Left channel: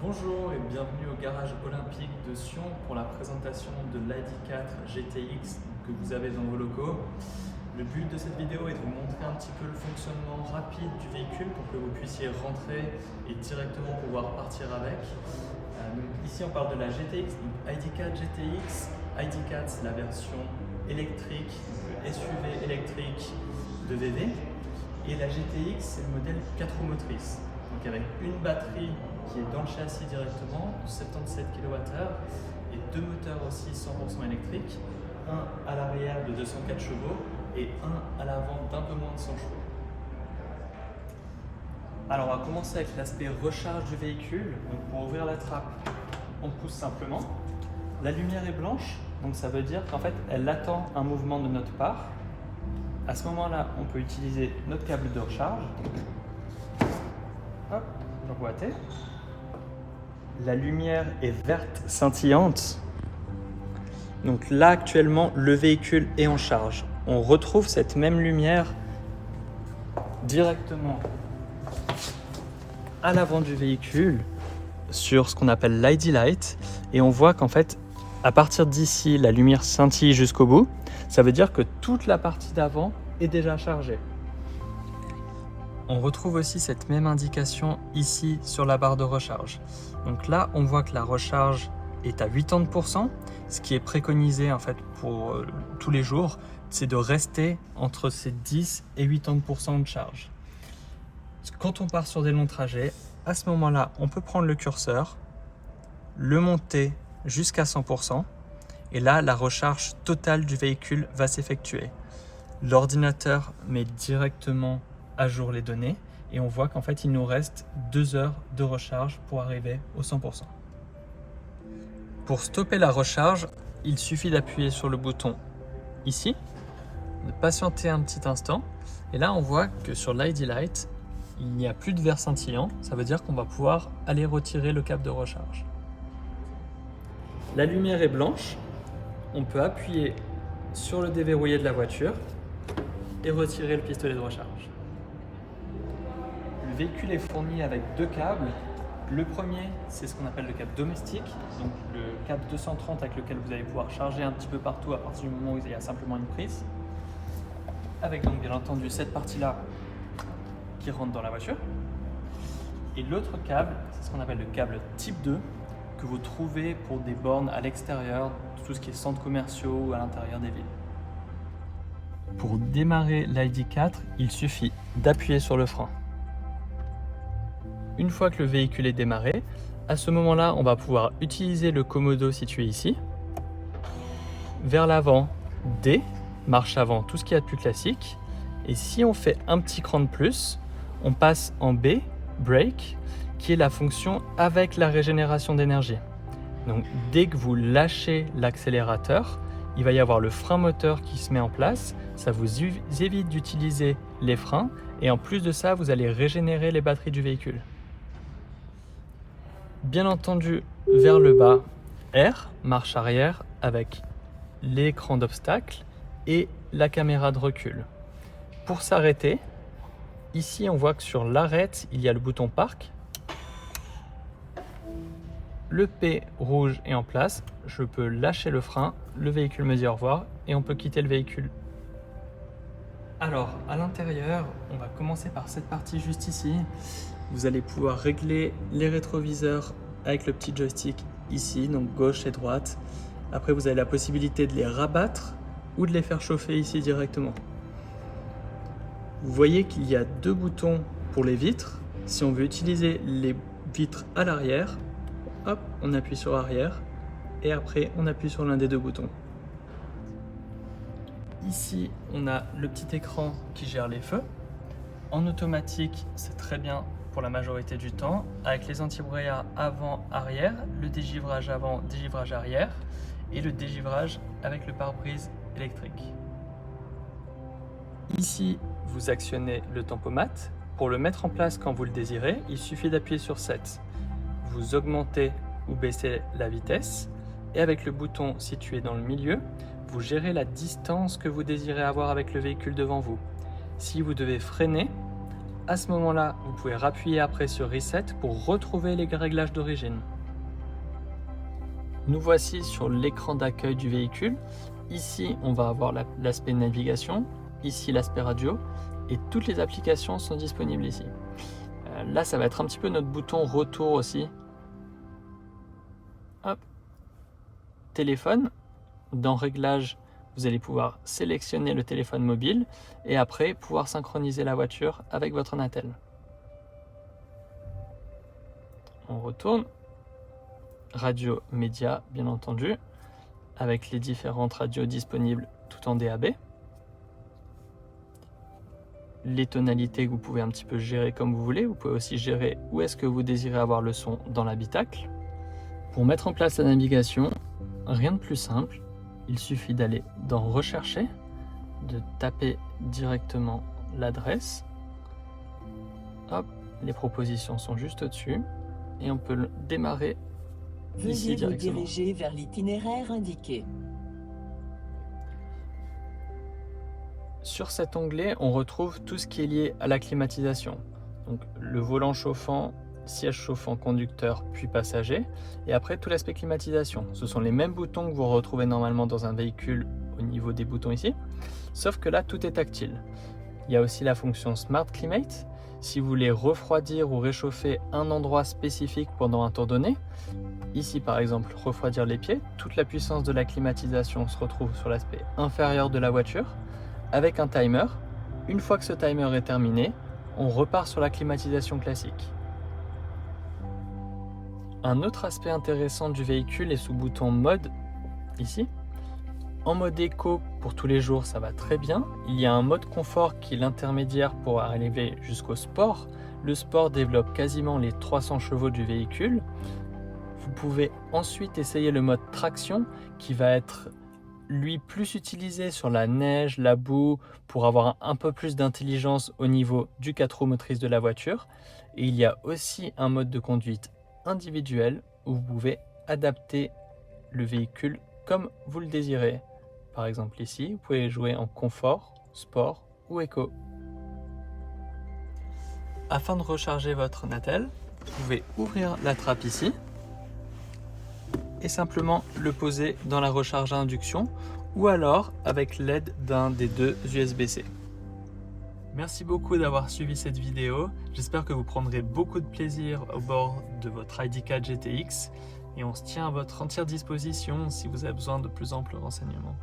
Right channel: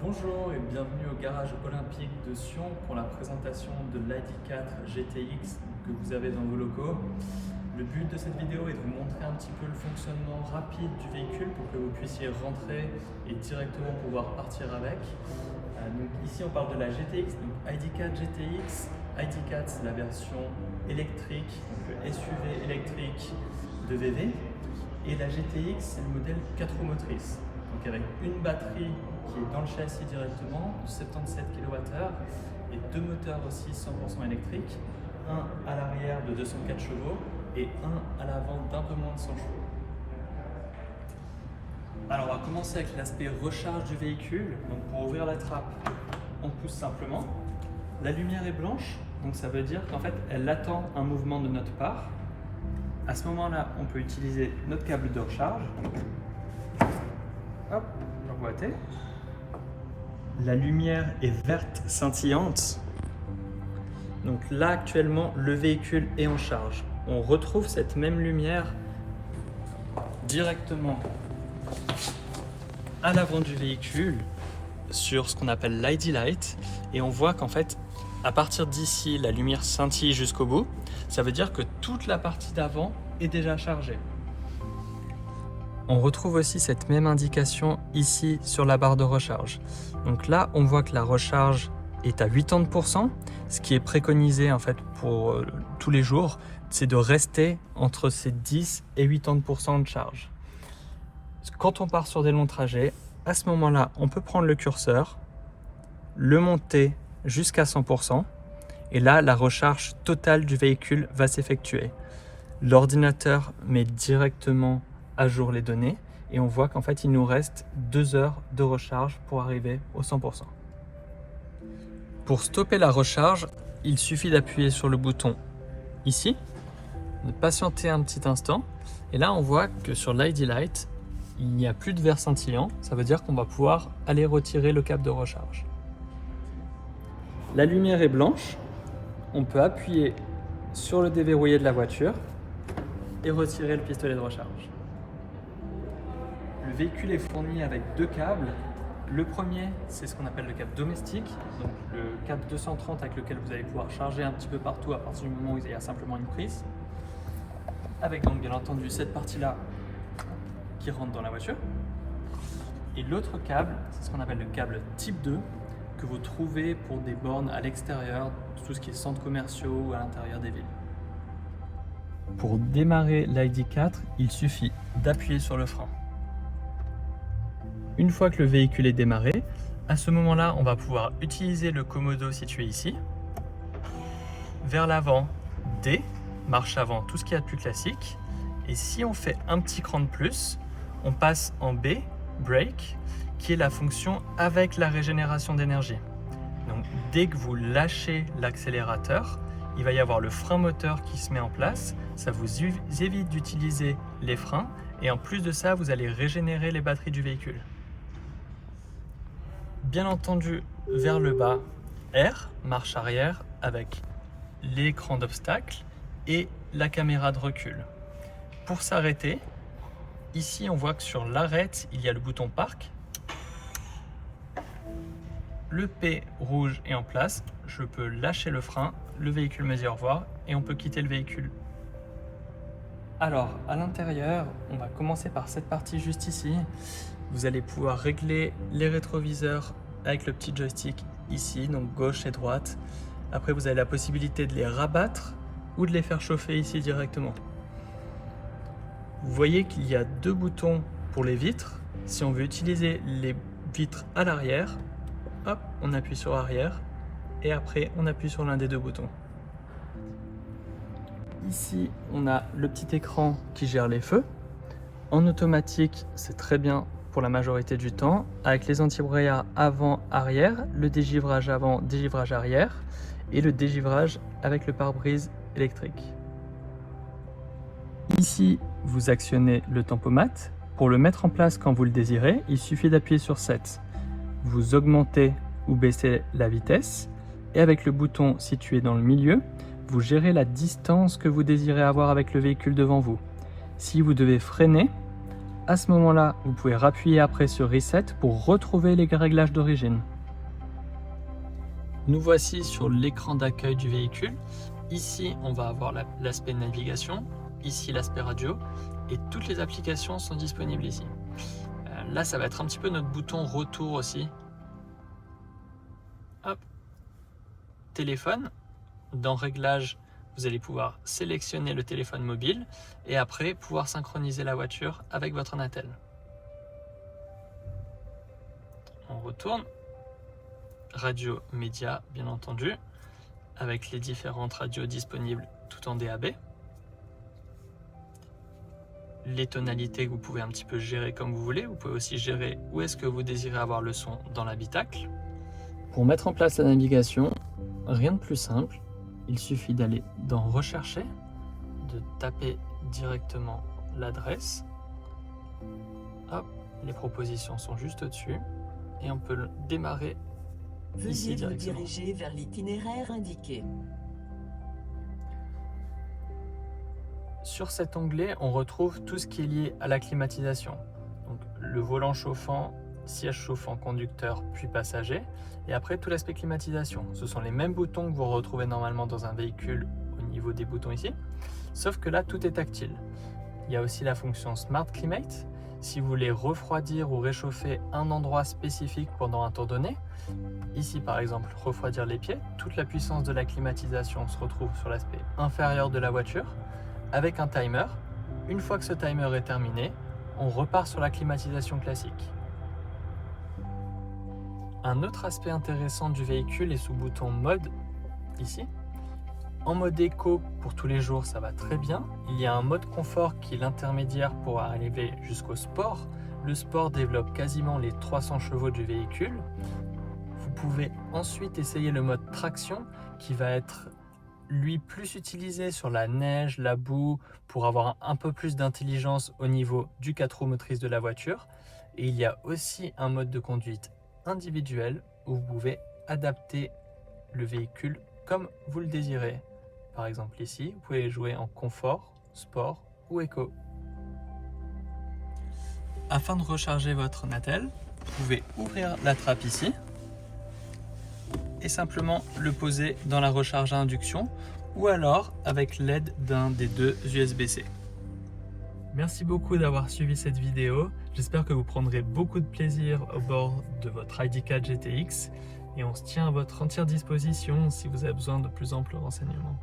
Bonjour et bienvenue au garage olympique de Sion pour la présentation de l'ID4 GTX que vous avez dans vos locaux. Le but de cette vidéo est de vous montrer un petit peu le fonctionnement rapide du véhicule pour que vous puissiez rentrer et directement pouvoir partir avec. Donc ici on parle de la GTX, donc ID4 GTX. ID4 c'est la version électrique, donc le SUV électrique de VV. Et la GTX c'est le modèle 4 roues motrices. Donc avec une batterie qui est dans le châssis directement, 77 kWh, et deux moteurs aussi 100% électriques, un à l'arrière de 204 chevaux et un à l'avant d'un peu moins de 100 chevaux. Alors on va commencer avec l'aspect recharge du véhicule. Donc pour ouvrir la trappe, on pousse simplement. La lumière est blanche, donc ça veut dire qu'en fait elle attend un mouvement de notre part. À ce moment-là, on peut utiliser notre câble de recharge. Hop, j'emboîtais. La lumière est verte scintillante. Donc là actuellement le véhicule est en charge. On retrouve cette même lumière directement à l'avant du véhicule sur ce qu'on appelle l'ID Light et on voit qu'en fait à partir d'ici la lumière scintille jusqu'au bout. Ça veut dire que toute la partie d'avant est déjà chargée. On retrouve aussi cette même indication ici sur la barre de recharge. Donc là, on voit que la recharge est à 80%. Ce qui est préconisé en fait pour tous les jours, c'est de rester entre ces 10 et 80% de charge. Quand on part sur des longs trajets, à ce moment-là, on peut prendre le curseur, le monter jusqu'à 100%, et là, la recharge totale du véhicule va s'effectuer. L'ordinateur met directement à jour les données et on voit qu'en fait il nous reste 2 heures de recharge pour arriver au 100%. Pour stopper la recharge, il suffit d'appuyer sur le bouton ici, de patienter un petit instant et là on voit que sur l'ID Light il n'y a plus de vert scintillant, ça veut dire qu'on va pouvoir aller retirer le câble de recharge. La lumière est blanche, on peut appuyer sur le déverrouillé de la voiture et retirer le pistolet de recharge. Le véhicule est fourni avec deux câbles. Le premier, c'est ce qu'on appelle le câble domestique, donc le câble 230 avec lequel vous allez pouvoir charger un petit peu partout à partir du moment où il y a simplement une prise. Avec donc bien entendu cette partie-là qui rentre dans la voiture. Et l'autre câble, c'est ce qu'on appelle le câble type 2 que vous trouvez pour des bornes à l'extérieur, tout ce qui est centres commerciaux ou à l'intérieur des villes. Pour démarrer l'ID4, il suffit d'appuyer sur le frein. Une fois que le véhicule est démarré, à ce moment-là, on va pouvoir utiliser le commodo situé ici. Vers l'avant, D, marche avant, tout ce qu'il y a de plus classique. Et si on fait un petit cran de plus, on passe en B, brake, qui est la fonction avec la régénération d'énergie. Donc dès que vous lâchez l'accélérateur, il va y avoir le frein moteur qui se met en place. Ça vous évite d'utiliser les freins et en plus de ça, vous allez régénérer les batteries du véhicule. Bien entendu, vers le bas, R, marche arrière avec l'écran d'obstacle et la caméra de recul. Pour s'arrêter, ici on voit que sur l'arrête, il y a le bouton parc. Le P rouge est en place, je peux lâcher le frein, le véhicule me dit au revoir et on peut quitter le véhicule. Alors, à l'intérieur, on va commencer par cette partie juste ici. Vous allez pouvoir régler les rétroviseurs avec le petit joystick ici, donc gauche et droite. Après, vous avez la possibilité de les rabattre ou de les faire chauffer ici directement. Vous voyez qu'il y a deux boutons pour les vitres. Si on veut utiliser les vitres à l'arrière, hop, on appuie sur arrière et après on appuie sur l'un des deux boutons. Ici, on a le petit écran qui gère les feux. En automatique, c'est très bien pour la majorité du temps, avec les anti-brouillard avant-arrière, le dégivrage avant, dégivrage arrière et le dégivrage avec le pare-brise électrique. Ici, vous actionnez le tempomat. Pour le mettre en place quand vous le désirez, il suffit d'appuyer sur 7. Vous augmentez ou baissez la vitesse et avec le bouton situé dans le milieu, vous gérez la distance que vous désirez avoir avec le véhicule devant vous. Si vous devez freiner, À ce moment-là, vous pouvez appuyer après sur Reset pour retrouver les réglages d'origine. Nous voici sur l'écran d'accueil du véhicule. Ici, on va avoir l'aspect navigation, ici l'aspect radio, et toutes les applications sont disponibles ici. Là, ça va être un petit peu notre bouton retour aussi. Hop. Téléphone. Dans Réglages, vous allez pouvoir sélectionner le téléphone mobile et après pouvoir synchroniser la voiture avec votre Natel. On retourne. Radio média, bien entendu, avec les différentes radios disponibles tout en DAB. Les tonalités que vous pouvez un petit peu gérer comme vous voulez. Vous pouvez aussi gérer où est-ce que vous désirez avoir le son dans l'habitacle. Pour mettre en place la navigation, rien de plus simple. Il suffit d'aller dans Rechercher, de taper directement l'adresse. Hop, les propositions sont juste au-dessus et on peut le démarrer. Veuillez vous diriger vers l'itinéraire indiqué. Sur cet onglet, on retrouve tout ce qui est lié à la climatisation. Donc, le volant chauffant, siège chauffant, conducteur, puis passager. Et après, tout l'aspect climatisation. Ce sont les mêmes boutons que vous retrouvez normalement dans un véhicule au niveau des boutons ici. Sauf que là, tout est tactile. Il y a aussi la fonction Smart Climate. Si vous voulez refroidir ou réchauffer un endroit spécifique pendant un temps donné, ici par exemple refroidir les pieds, toute la puissance de la climatisation se retrouve sur l'aspect inférieur de la voiture avec un timer. Une fois que ce timer est terminé, on repart sur la climatisation classique. Un autre aspect intéressant du véhicule est sous bouton mode ici. En mode éco, pour tous les jours, ça va très bien. Il y a un mode confort qui est l'intermédiaire pour arriver jusqu'au sport. Le sport développe quasiment les 300 chevaux du véhicule. Vous pouvez ensuite essayer le mode traction qui va être, lui, plus utilisé sur la neige, la boue, pour avoir un peu plus d'intelligence au niveau du 4 roues motrices de la voiture. Et il y a aussi un mode de conduite individuel où vous pouvez adapter le véhicule comme vous le désirez. Par exemple ici, vous pouvez jouer en confort, sport ou éco. Afin de recharger votre Natel, vous pouvez ouvrir la trappe ici et simplement le poser dans la recharge à induction ou alors avec l'aide d'un des deux USB-C. Merci beaucoup d'avoir suivi cette vidéo. J'espère que vous prendrez beaucoup de plaisir au bord de votre ID4 GTX et on se tient à votre entière disposition si vous avez besoin de plus amples renseignements.